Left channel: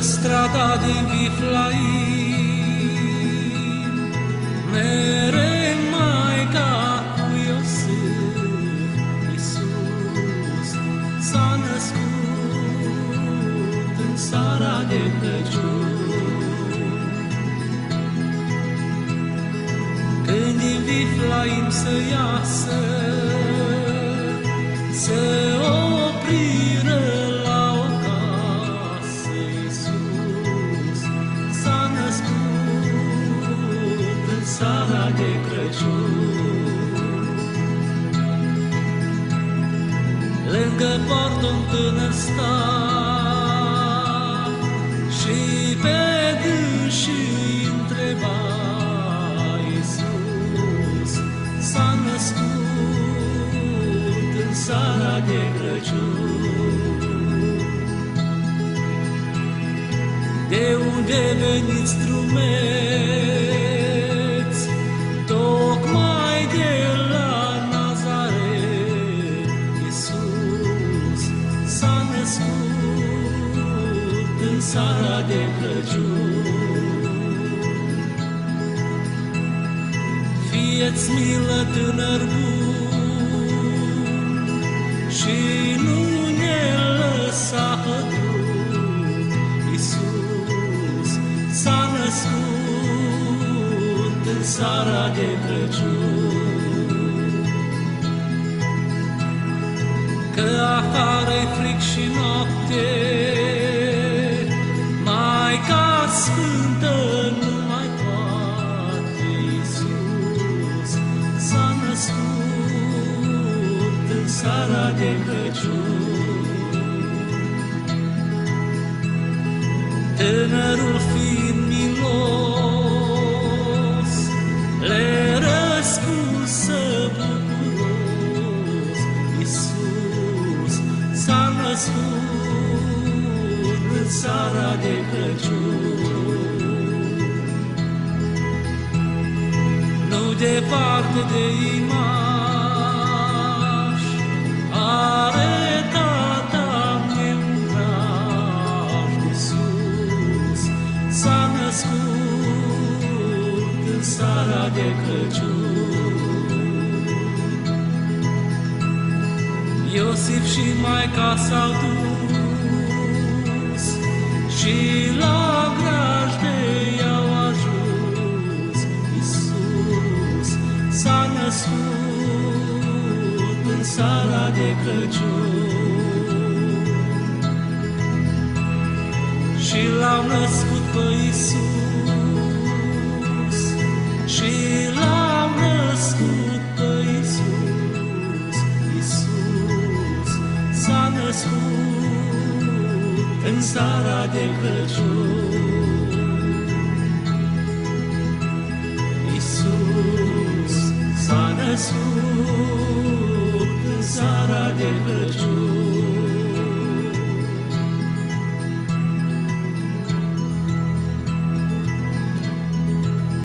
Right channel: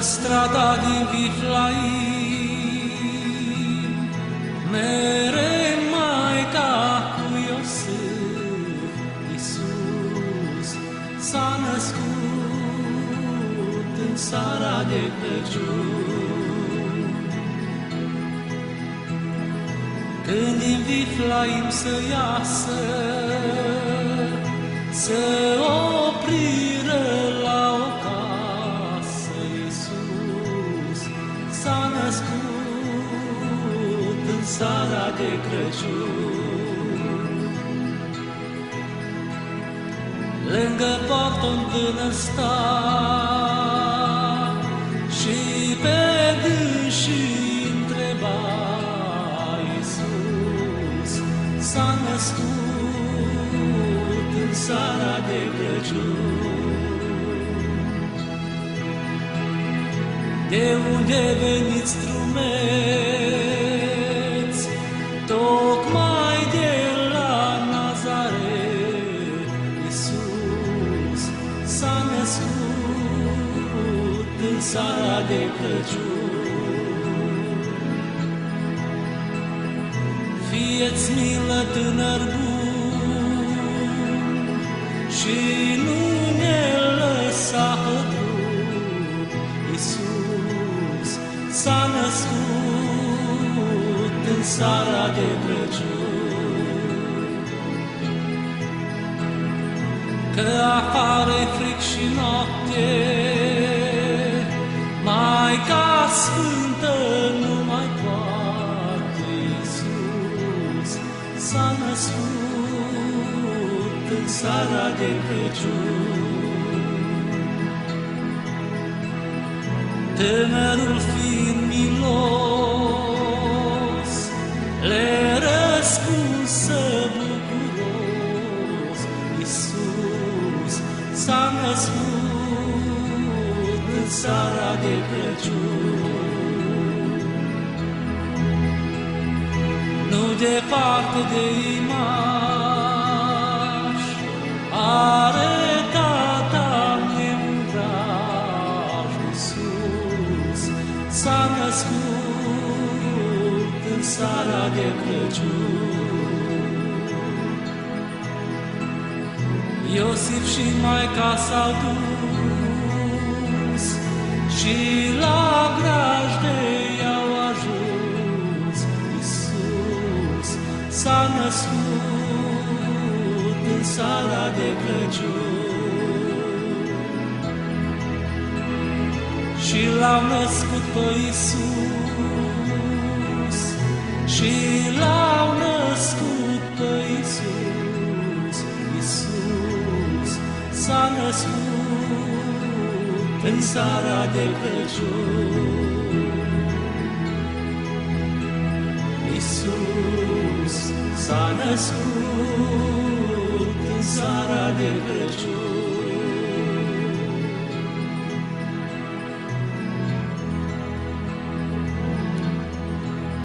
strada din Viflaim, mere Maica cu Iosif, Iisus s-a născut în seara de Crăciun. Când din Viflaim să iasă, să opriră la o casă, Iisus s-a născut în seara de Crăciun. Lângă portă un tânăr sta și pe dânsii întreba, Iisus s-a născut în seara de Crăciun. De unde veniți drumeți, tocmai de la Nazaret, Iisus s-a născut în seara de Crăciun. Fieți milă, tânăr bun, și nu ne lăsa hădruc, Iisus s-a născut în seara de Crăciun. Că afară-i fric și noapte, Maica Sfântă nu mai poate, Iisus s-a născut în seara de Crăciun. Tânărul fiind milos, le răspunsă bucuros, Iisus s-a născut în seara de Crăciun. Nu departe de Imaș, are tata-mi un vraj, Iisus s-a născut în seara de Crăciun. Iosif și Maica s-au dus și la grajde i-au ajuns, Iisus s-a născut în seara de Crăciun. Și l-au născut pe Iisus, și l-au născut pe Iisus, Iisus s-a născut în seara de Crăciun. Iisus s-a născut în seara de Crăciun.